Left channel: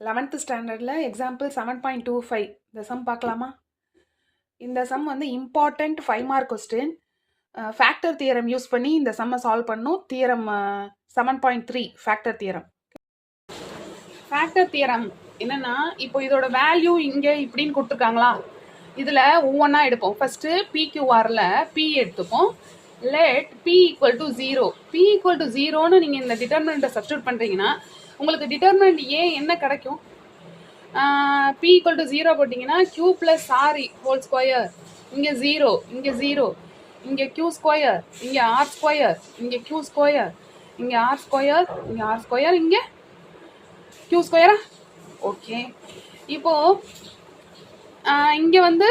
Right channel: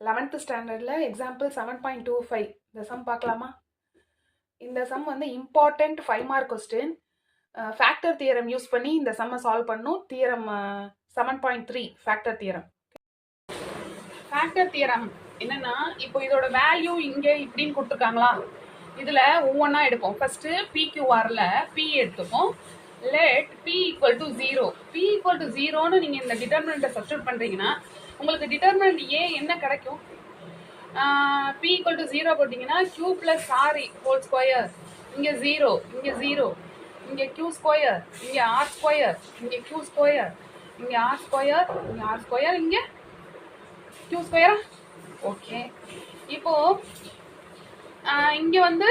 11th ஸ்டாண்டர்டில் example 7.25 இந்த some பார்க்கலாமா? இந்த சம் வந்து important 5 mark question. Factor theorem use பண்ணி இந்த சம்மை சால்வ் பண்ணும். Theorem 7.3 factor theorem. Factor theorem என்னன்னா, இப்போ இதோட வேல்யூ இங்கே இப்படின்னு கொடுத்துருக்காங்களா, இதில் ஒவ்வொன்றா எடுப்போம். ஃபர்ஸ்ட்டு PQRல P எடுத்துப்போம். Let P equal to 0. P equal to 0ன்னு நீங்கள் இந்த டிட்டர்மினண்ட்டை சப்ஸ்டியூட் பண்ணுறீங்கன்னா உங்களுக்கு டிட்டர்மினண்ட் ஏ என்ன கிடைக்கும்? P ஈக்குவல் டு 0 போட்டிங்கன்னா Q plus R whole square, இங்கே 0, இங்கே 0, இங்கே Q ஸ்கொயர், இங்கே ஆர் ஸ்கொயர், இங்கே Q ஸ்கொயர், இங்கே ஆர் ஸ்கொயர், இங்கே ஆர் ஸ்கொயர், இங்கே Q ஸ்கொயரா? ஓகே. இப்போ இங்கே வந்து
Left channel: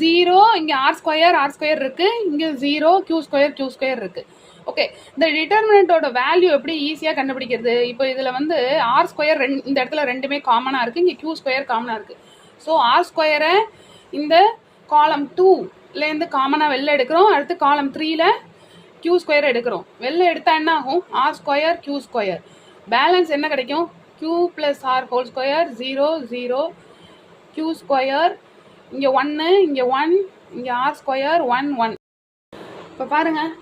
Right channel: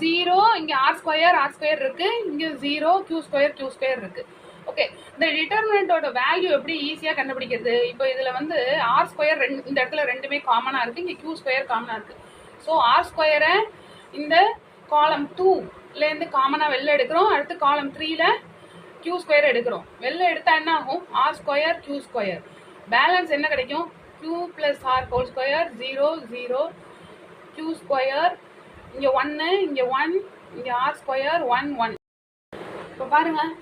0, இங்கே ஆர் ஸ்கொயர் இருக்கு, இங்கே 0, Q ஸ்கொயர் இருக்கு. ஓகே, இந்த டிட்டர்மினண்டோட வேல்யூ எப்படி ஈஸியாக கண்டுபிடிக்கிறது? இப்போ இதில் வந்து ஆர் ஸ்கொயர் இந்த இடத்துல ரெண்டுமே காமனாக இருக்குது, இங்கே Q ஸ்கொயர் காமனாக இருக்குது. ஸோ ஆர் ஸ்கொயரை இந்த காலம் 2லேருந்து காமனாக வெளில எடுக்கிறோம். அடுத்து காலம் 3ல Q ஸ்கொயர் எடுக்கிறோம். வெளில எடுத்தால் என்ன ஆகும்? R square Q square. Balance என்ன கிடைக்கும்? Q plus R whole square, 0, 0, Q square, இங்கே 1, இங்கே 1, இங்கே ஆர் ஸ்கொயர் 1, 1. இப்போ பாருங்கள்,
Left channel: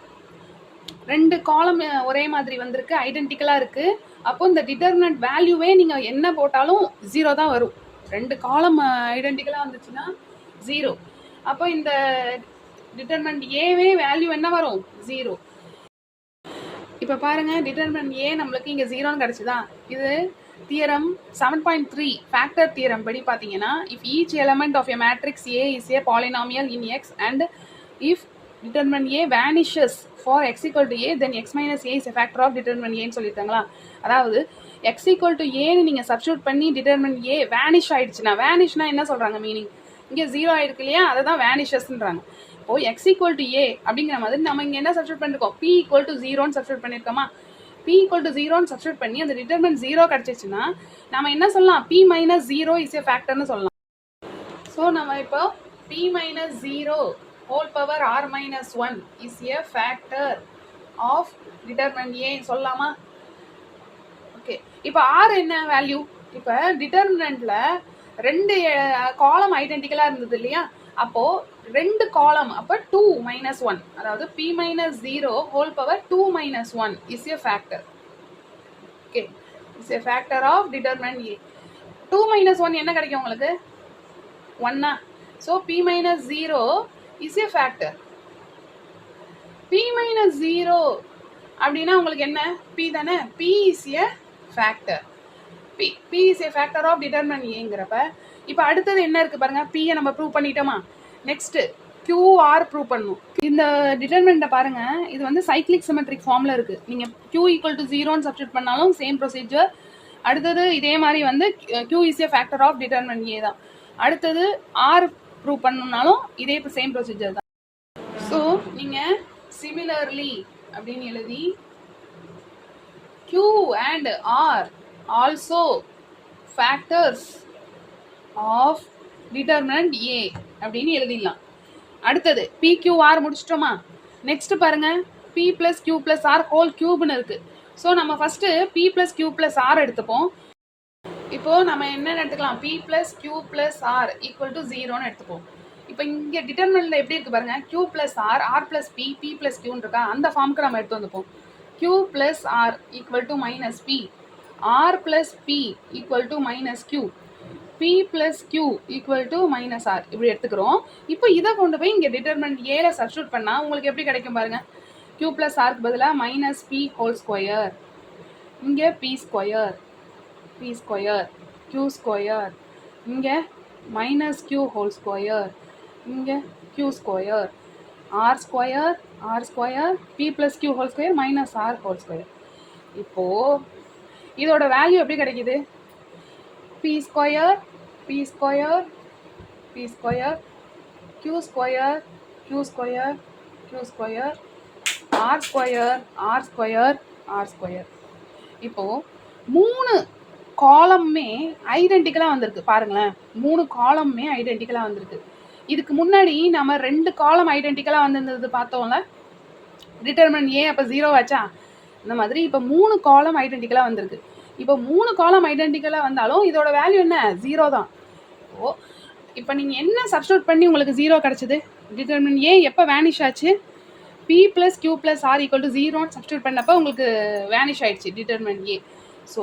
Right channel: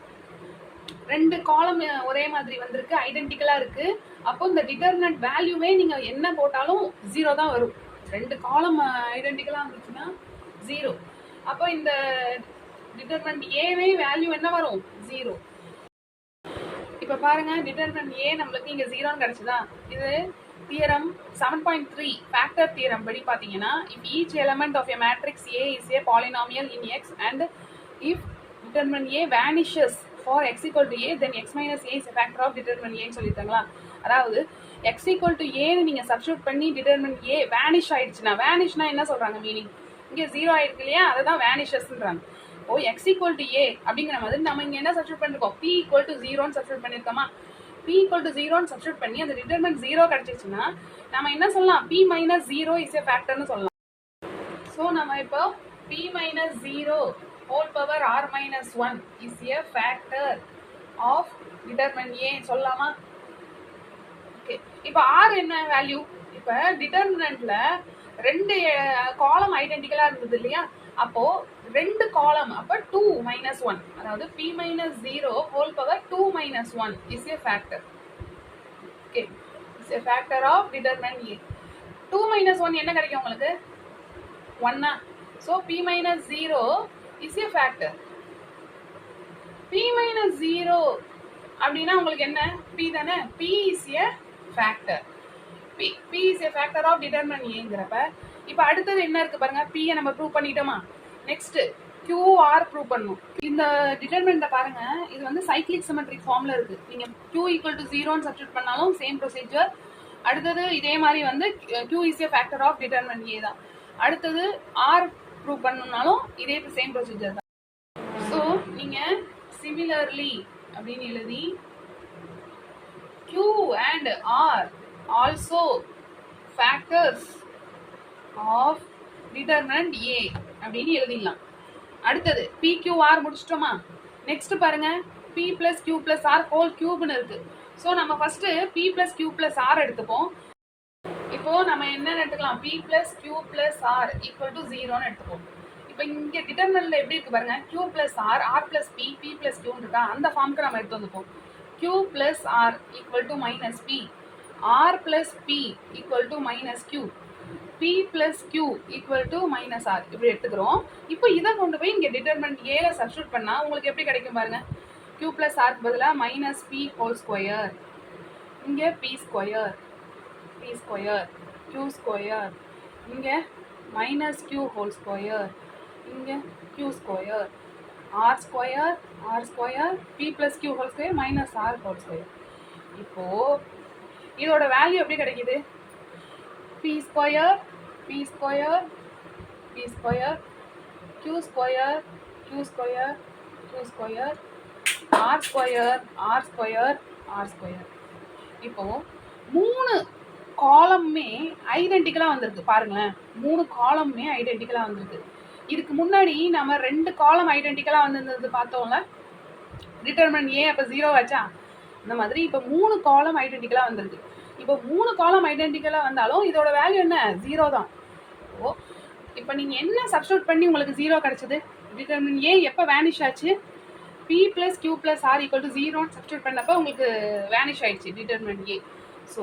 ரெண்டு காலம் ஒரே மாதிரி வந்திருக்கு, ஐடென்டிக்கலாக இருக்குது. அப்போ இந்த டிட்டர்மினன்ட் வேல்யூவே நீங்கள் என்ன போட்டாலும் 0 தான் வரும். ரெண்டு காலம் ஐடென்டிக்கலாக வந்துச்சுன்னா 0. அப்போ இந்த டிட்டர்மினன்ட் ஏவே வேல்யூ என்ன வரும்? 0. இப்போ பாருங்கள், டிட்டர்மினன்ட் ஏ நம்மளுக்கு இங்கே 0ன்னு கிடச்சிதான். இது தியரம் 7.3 ஃபேக்டர் தியரம் படி பார்த்தீங்கன்னா, if each element of a matrix A is a polynomial in x and if determinant A vanishes for x equal to A, then x minus A is a factor of determinant A ன்னு சொல்லியிருக்காங்களா? அதாவது x equal to A ன்னு நீங்கள் substitute பண்ணி determinant A vanish ஆயிடுச்சுன்னா, vanishனா என்ன சொல்கிறாங்க meaning? இங்கே 0 ஆயிருக்கு இல்லையா, அதை தான் vanishesன்றாங்க. இப்போ x equal to A அப்படிங்கிற மாதிரி நம்ம இங்கே என்ன சப்ஸ்டியூட் பண்ணிருக்கோம்? P equal to 0ன்னு சப்ஸ்டியூட் பண்ணியிருக்கோமா? P equal to 0ன்னு சப்ஸ்டியூட் பண்ணி அந்த determinant 0 கிடச்சிச்சுன்னா நம்ம என்ன சொல்லலாம்? P minus 0 is a factorன்னு சொல்லலாம். ஸோ நம்ம இப்போ P minus 0 whole power r minus 1 is a factor of determinant A சொல்லலாமா? ஓகே, இப்போ r என்ன வேல்யூ? இப்போ டிட்டர்மினன்ட்ல ரெண்டு காலம் ஐடென்டிக்கலா இருந்தது இல்லையா, அப்போ ரெண்டு காலம், அப்போ 2 minus 1, அதாவது P minus 0 whole power 2 minus 1 is a factor. Okay, is a factor of determinant A. 2 minus 1 என்ன கிடைக்கும் உங்களுக்கு? 1. So P minus 0 is a factor. P minus 0 அப்படின்னா உங்களுக்கு என்ன? P தானே? P is a factor. P is a factor of determinant Aங்கிறப்ப இப்போ அடுத்தது என்ன இருக்கு பாருங்க, P நம்ம ப்ரூவ் பண்ணிட்டோமா? நெக்ஸ்ட் QR ப்ரூவ் பண்ணணும். இந்த டிட்டர்மினண்ட்டை பாருங்க, இது வந்து சைக்ளிக் சிமெட்ரிக் ஃபார்ம்ல இருக்கு. நீங்க Q ஈக்குவல் டு 0ன்னு சப்ஸ்டியூட் பண்ணாலும் சேம் ப்ரொசீஜர். அடுத்தது இதே மாதிரி வந்து Q is a factor of determinant A தான். அடுத்தது R ப்ரூவ் பண்ணணும்னாலும் இதே சேம் ப்ரொசீஜர் தான். ஸோ நீங்கள் சிமிலர்லி அப்படின்னு எழுதி Q and R also factors of determinant A அப்படின்னு எழுதிடலாம். அடுத்தது PQR முடிச்சிட்டோமா? நெக்ஸ்ட் பாருங்க, P plus Q plus R whole கியூப்னு இருக்கு. ஸோ நம்ம first P plus Q plus R எடுத்துப்போம். இப்போ நம்ம என்ன எடுத்துக்கலாம்? P plus Q plus R equal to 0ன்னு எடுத்துப்போம். இப்போ இங்கே டிட்டர்மினன்ட்ல எப்படி இருக்கு பாருங்க, Q plus R, R plus P, P plus Qன்னு இருக்கா, அந்த ஃபார்முக்கு நம்ம எடுத்து வந்துப்போம். Q plus R equal to minus P, R plus P equal to minus Q, P plus Q equal to minus R இப்படி எடுத்துக்கிறோம். இப்போ இதை கொண்டு போய் இங்கே டிட்டர்மினன்ட் ஏல சப்ஸ்டியூட் பண்ணால் உங்களுக்கு எப்படி கிடைக்கும் பாருங்க, Q plus Rக்கு பதிலாக மைனஸ் P ஹோல் ஸ்கொயர், இங்கே P square, P square, Q square, இங்கே மைனஸ் Q ஹோல் ஸ்கொயர், இங்கே Q square, R square, R square, P plus Q whole square minus R whole square. இப்போது இதோட value எப்படி கிடைக்கிது? P square, P square, P square, Q square, Q square, Q square, R square, R square, R square. இப்போது 3 காலம்மே ஐடென்டிக்கலாக வந்திருக்கு பாருங்களேன். 3 காலம்மே ஐடென்டிக்கலாக வந்திருக்கு. இதுக்கு முன்னாடி நம்ம 2 காலம் ஐடென்டிக்கலாக வந்திருந்தது பார்த்தோம்ல, டிட்டர்மினன்ட் A அப்போ 0 ஆச்சா? இந்த மாதிரி இப்போ 3 காலம் ஐடென்டிக்கலாக வந்திருக்கு. இப்போ 3 காலம் ஐடென்டிக்கலாக வந்தாலும் இதோட வேல்யூ என்ன? 0 தான். ஓ இப்போ நீங்கள் என்ன சப்ஸ்டியூட் பண்ணி உங்களுக்கு 0 கிடச்சிது? டிட்டர்மின் ஏ எப்போ வேனிஷ் ஆச்சு? P plus Q plus R equal to 0 substitute பண்ணப்போ உங்களுக்கு வேனிஷ் ஆயிடுச்சு டிட்டர்மின் ஏ. ஸோ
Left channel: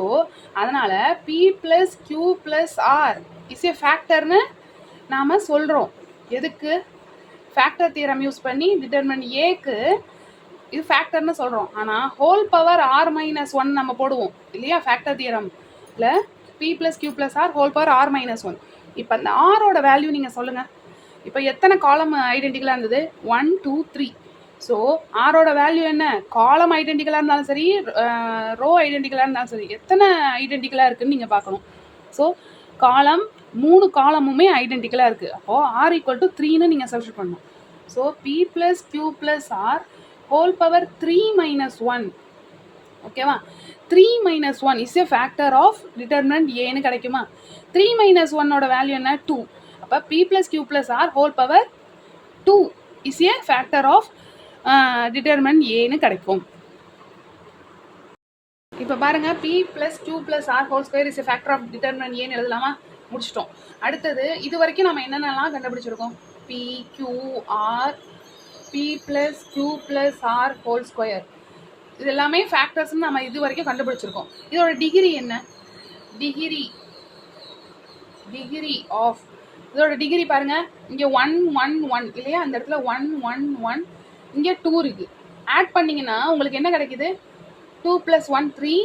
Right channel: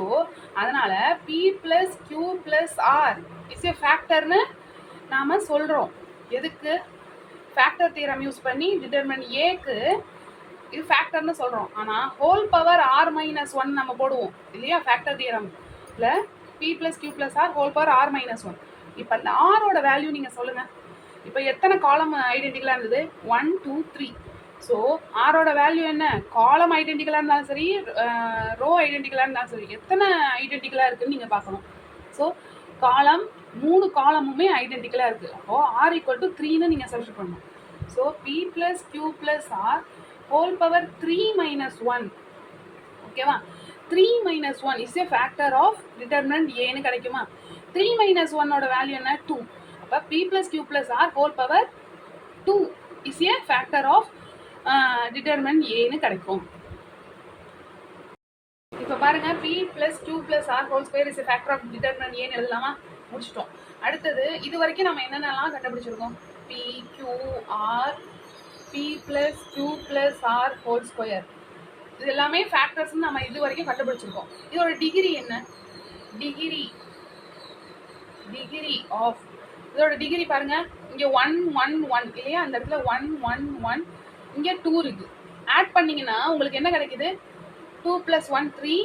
அதனால் P plus Q plus R is a ஃபேக்டர்னு நாம் சொல்கிறோம். எதுக்கு? ஃபேக்டர் தியரம் யூஸ் பண்ணி டிட்டர்மின் ஏக்கு இது ஃபேக்டர்னு சொல்கிறோம். ஆனால் whole power R minus one நம்ம போடுவோம் இல்லையா ஃபேக்டர் தியரமில் P plus Q plus R whole power R minus one. இப்போ அந்த ஆரோட வேல்யூ நீங்கள் சொல்லுங்கள். இப்போ எத்தனை காலம் ஐடென்டிக்கலாக இருந்தது? 1 2 3. ஸோ ஆரோட வேல்யூ என்ன? காலம் ஐடென்டிக்கலாக இருந்தாலும் சரி, ரோ ஐடென்டிக்கலாக இருந்தாலும் சரி, எத்தனை ஐடென்டிக்கலாக இருக்குதுன்னு நீங்கள் பார்க்கணும். ஸோ காலம் 3 காலமுமே ஐடென்டிக்கலாக இருக்குது. அப்போது ஆர் ஈக்குவல் டு 3ன்னு நீங்கள் சப்ஸ்டியூட் பண்ணணும். So P plus Q plus R whole power 3 minus 1. ஓகேவா? 3 minus 1 is a factor of determinant ஏன்னு கிடைக்குமா? 3 மைனஸ் 1ஓட வேல்யூ என்ன? 2. அப்போ P plus Q plus R whole power 2 is a factor of determinant ஏன்னு கிடைக்கும். இப்போ பாருங்க, P plus Q plus R whole square is a factor of determinant ஏன்னு எழுதலாமா? முடிச்சிட்டோம். அடுத்தது இது வரைக்கும் நம்ம என்னென்னலாம் கண்டுபிடிச்சிருக்கோம்? P Q R P plus Q plus R whole square இது எல்லாமே ஃபேக்டர்ஸ்ன்னு நம்ம இது வரைக்கும் கண்டுபிடிச்சிருக்கோம். இதோட டிகிரி என்ன? டிகிரி ஆஃப் இதோட டிகிரி பாருங்க, இங்கே 1 1 1 இல்லையா? அந்த இடத்துல 1 1 1, இங்கே 2 இருக்கு. ஆட் பண்ணிங்கன்னா உங்களுக்கு என்ன கிடைக்குது? 2 + 1 3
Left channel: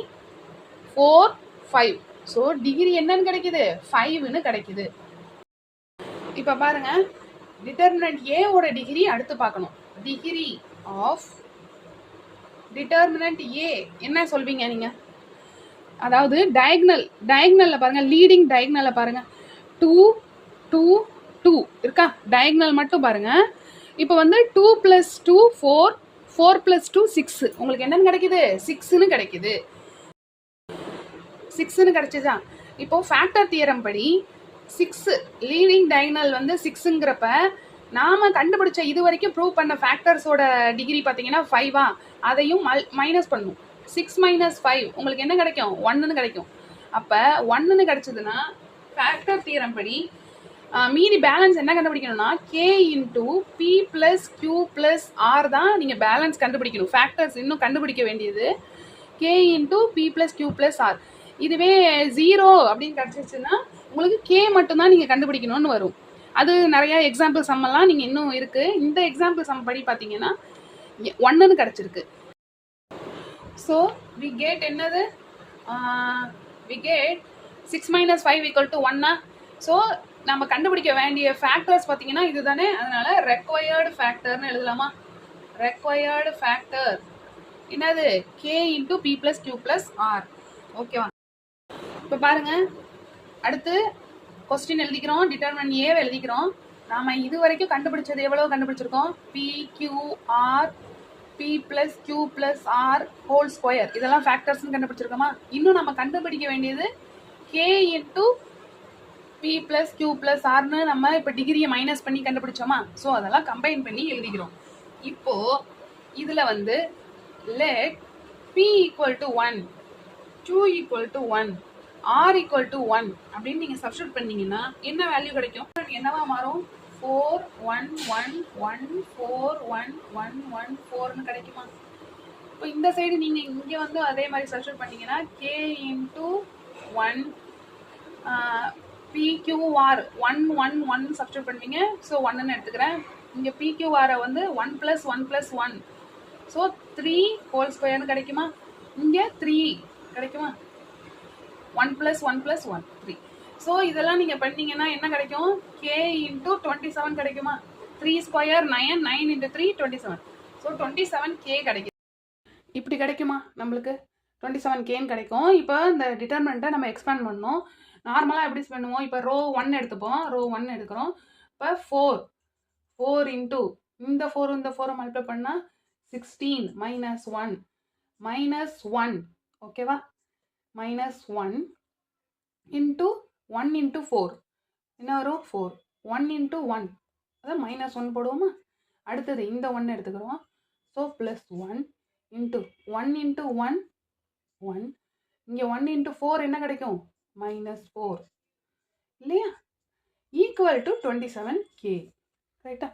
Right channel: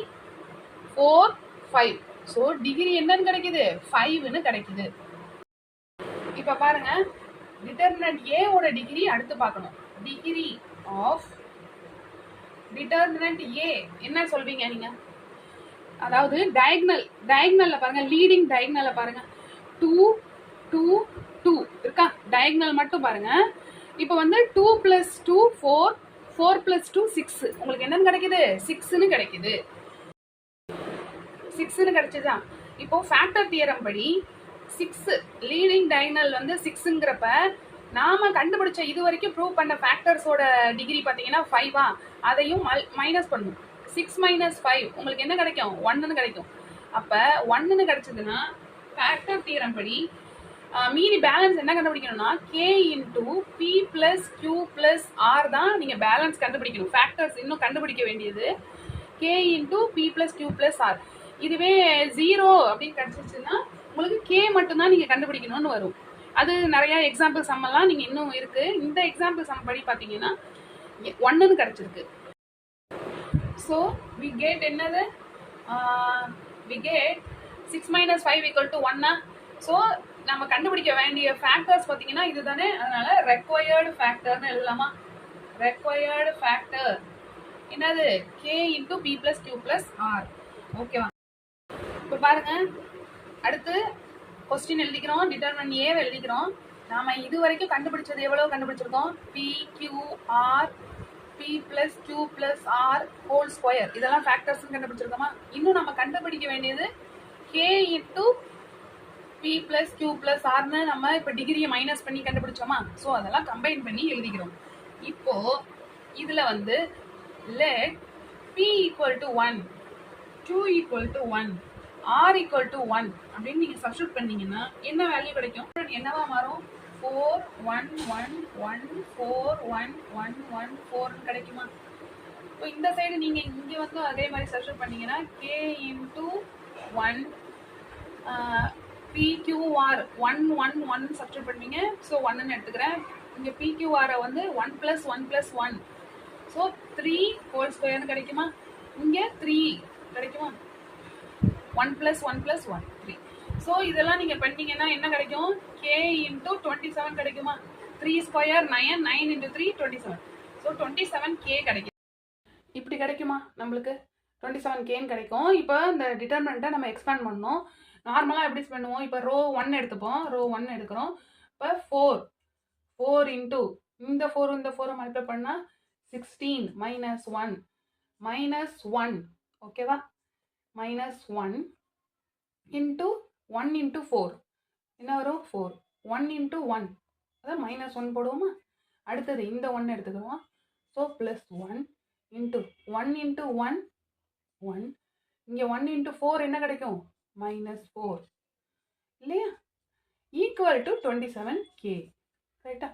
4 5. ஸோ டிகிரி என்னன்னு கிடைக்குது? 5ன்னு கிடைக்குது. இப்போ பாருங்க, டிட்டர்மினன்ட் ஏவோட டிகிரி அடுத்து பார்க்கணும். டிகிரி ஆஃப் டிட்டர்மினன்ட் ஏ என்ன சொல்வீங்க நீங்க? அதாவது டயக்னல்ல பாருங்க, லீடிங் டயக்னல்ல பாருங்க, 2 2 2 இருக்கா? டயக்னல் மட்டும் பாருங்க. இப்போ வந்து 2 + 2 4 4 + 2 6. உங்களுக்கு என்னன்னு கிடைக்குது? 6ன்னு கிடைக்குது. 6ன்னு கிடைச்சதா? இப்போ ஃபேக்டர் தியரம் படி 6 லீடிங் டயக்னல் வந்து 6ங்கிறப்ப நாம கண்டுபிடிச்ச இது வரைக்கும் ப்ரூவ் பண்ண ஃபேக்டர்ஸோட டிகிரி பார்த்தீங்கன்னா 5ஆ? அதையும் மைனஸ் பண்ணணும். 6 மைனஸ் 5 உங்களுக்கு என்ன கிடைக்கும்? 1ன்னு கிடைக்கும். அப்போ 1ன்னு கிடைச்சதுன்னா ஃபேக்டர் தியரம் படி மீதி பேலன்ஸ் என்ன கண்டுபிடிக்கணும்னா K into P plus Q plus R தான் நீங்கள் பேலன்ஸ் கண்டுபிடிக்கணும். ஃபேக்டர்ஸ் இன்னும் கண்டுபிடிக்க வேண்டியது K into P plus Q plus R. இதுவே 0 அப்படின்னு கிடச்சிச்சுன்னா உங்களுக்கு கே மட்டும்தான் நீங்கள் கண்டுபிடிக்கணும்னு வரும். அது நிறைய எக்ஸாம்பிள் சம்மெல்லாம் நீங்கள் இன்னும் இருக்குது. இந்த எக்ஸாம்பிள் சம் படி பார்த்தீங்கன்னா 1ன்னு கிடச்சிருக்கு. ஸோ வி கேட் என்னது? We get 6 minus 5 equal to 1. ஸோ நம்ம கண்டுபிடிக்க வேண்டிய ஃபேக்டர்ஸ் பார்த்தீங்கன்னா இது தானே. அதனால ரெக்வயர்டு ஃபேக்டர்னு எழுதலாமா? ரெக்வயர்டு ஃபேக்டர் என்னது? K into P plus Q plus R. ஓகேவா? இப்போ பாருங்க, அடுத்து கொஸ்டின் எழுதிக்கிறோம், டிட்டர்மினன்ட் ஏவை எழுதிக்கிறோம். நாம இது வரைக்கும் கண்டுபிடிச்சது எவ்வளவு கண்டுபிடிச்சிருக்கோம்? P Q R P plus Q plus R whole square இதெல்லாம் ஃபேக்டர்ஸ்ன்னு கண்டுபிடிச்சிருக்கோமா? இன்னும் நம்ம கண்டுபிடிக்க வேண்டியது K into P plus Q plus ஆர்னு நம்ம இப்போ டிகிரியை மைனஸ் பண்ணி கண்டுபிடிச்சோமா? ஸோ அதெல்லாம் கம்பைன் பண்ணி எழுதிக்கிறோம். இப்போ இதில் வந்து let P equal to 1 Q equal to 1 R equal to 1 அப்படின்னு நீங்கள் சப்ஸ்டியூட் பண்ணீங்கன்னா என்ன வேல்யூ கிடைக்கும்? என்னவா மாறும்? 4 1 1 1 4 1 1 1 4ன்னு கிடைக்குமா? இப்போ இந்த சைடு நீங்கள் இங்கே வந்து அதே மாதிரி சப்ஸ்டியூட் பண்ணீங்கன்னா கே இன்டூ 1 PQR 1 1 1 சப்ஸ்டியூட் பண்ணுவீங்க. ஸோ 1ன்னு எடுத்துக்கிறேன். இங்கே PQR வந்து 1 + 1 + 1. ஸோ 3 ஹோல் ஸ்கொயர்னு கிடைக்குமா? இங்கே 3 கிடைக்குமா? 1 + 1 + 1 3. ஸோ இதெல்லாம் நீங்கள் பண்ணீங்கன்னா என்ன கிடைக்கும்? K இன்டூ 27 கிடைக்குமா? 3 ஸ்கொயர் 9 9 இன்டூ 3 27. ஸோ 27K கிடைக்கும். இப்படி கிடைக்குமா நம்மளுக்கு? 27Kன்னு கிடைக்கும். இப்போ இந்த டிட்டர்மினண்ட்டை நம்ம எக்ஸ்பேண்ட் பண்ணோம். நார்மலாக எப்படி பண்ணுவோம்? இப்போ ரோ 1 எடுத்துப்போம். ரோ 1 எடுக்கிறோம். இப்போ 4 இன்டூ இந்த 4 மல்டிப்ளை பண்ணால் 16 மைனஸ் 1 ஓகேவா? -1 இன்டூ 1 இன்டூ 4 என்ன வரும்? 4 1 இன்டூ 1 அதான் -1 போடுவோமா? அடுத்தது இந்த 1 எடுத்துக்கிறோம். ஸோ +1 இன்ட்டு 1 இன்ட்டு 1 1 இங்கே 1 இன்ட்டு 4 என்ன கிடைக்கும் -4 இல்லையா ஈக்குவல் டு 27k ரைட்டா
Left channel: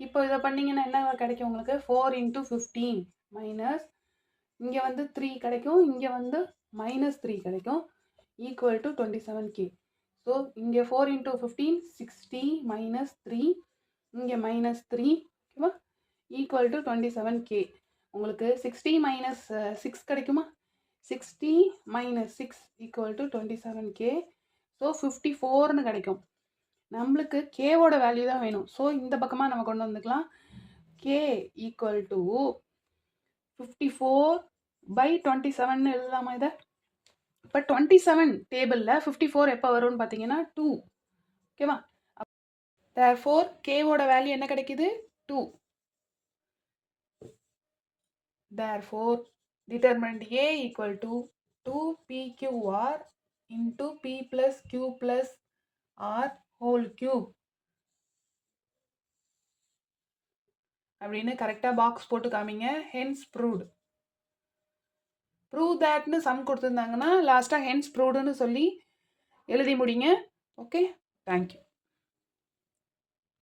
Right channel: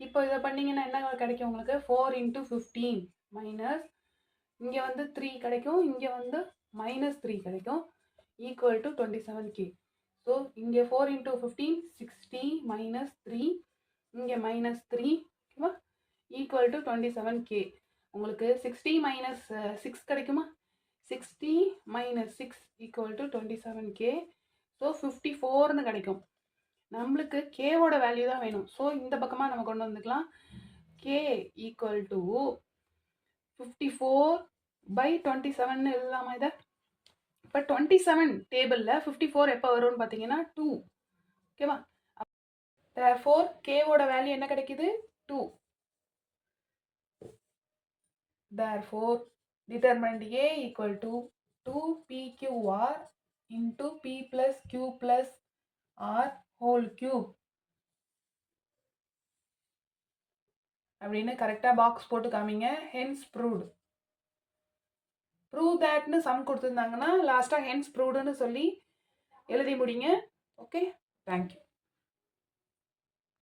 இப்போ இதை பண்ணிங்கன்னா என்ன கிடைக்கும் உங்களுக்கு 4 இன்ட்டு 15 மைனஸ் இங்கே வந்து 3 கிடைக்கும் இங்கே வந்து -3 கிடைக்கும் ஈக்குவல் டு 27k ஸோ இங்கே 4 இன்ட்டு 15 60 -3 இங்கே -3 ஓகேவா ஈக்குவல் டு 27k உங்களுக்கு 60 மைனஸ் 6 கிடைக்குமா 60 minus 6 equal to 27k so 54ன்னு கிடைக்கும் நம்மளுக்கு கேவோட வேல்யூ தான் வேணும் ஸோ இந்த பக்கமாக நம்ம கொண்டு வந்துக்கலாம் k ஈக்குவல் டு 54/27 எழுதலாமா இதை இப்போ 27 டேபிளில் 54 எப்போ வரும்னு பார்த்தீங்கன்னா 2 ஓகேவா therefore கேவோட வேல்யூ என்ன கிடைக்குது 2 therefore determinant A equal to 2PQR into P plus Q plus R whole cube அப்படின்னு கரெக்டாக பாக்ஸ் போட்டு காமிங்க hence proved prove thatன்னு சம் கொடுத்துருந்தாங்கன்னா லாஸ்ட்டாக hence provedன்னு சொல்லி எழுதி முடிங்க ஓகே தேங்க்யூ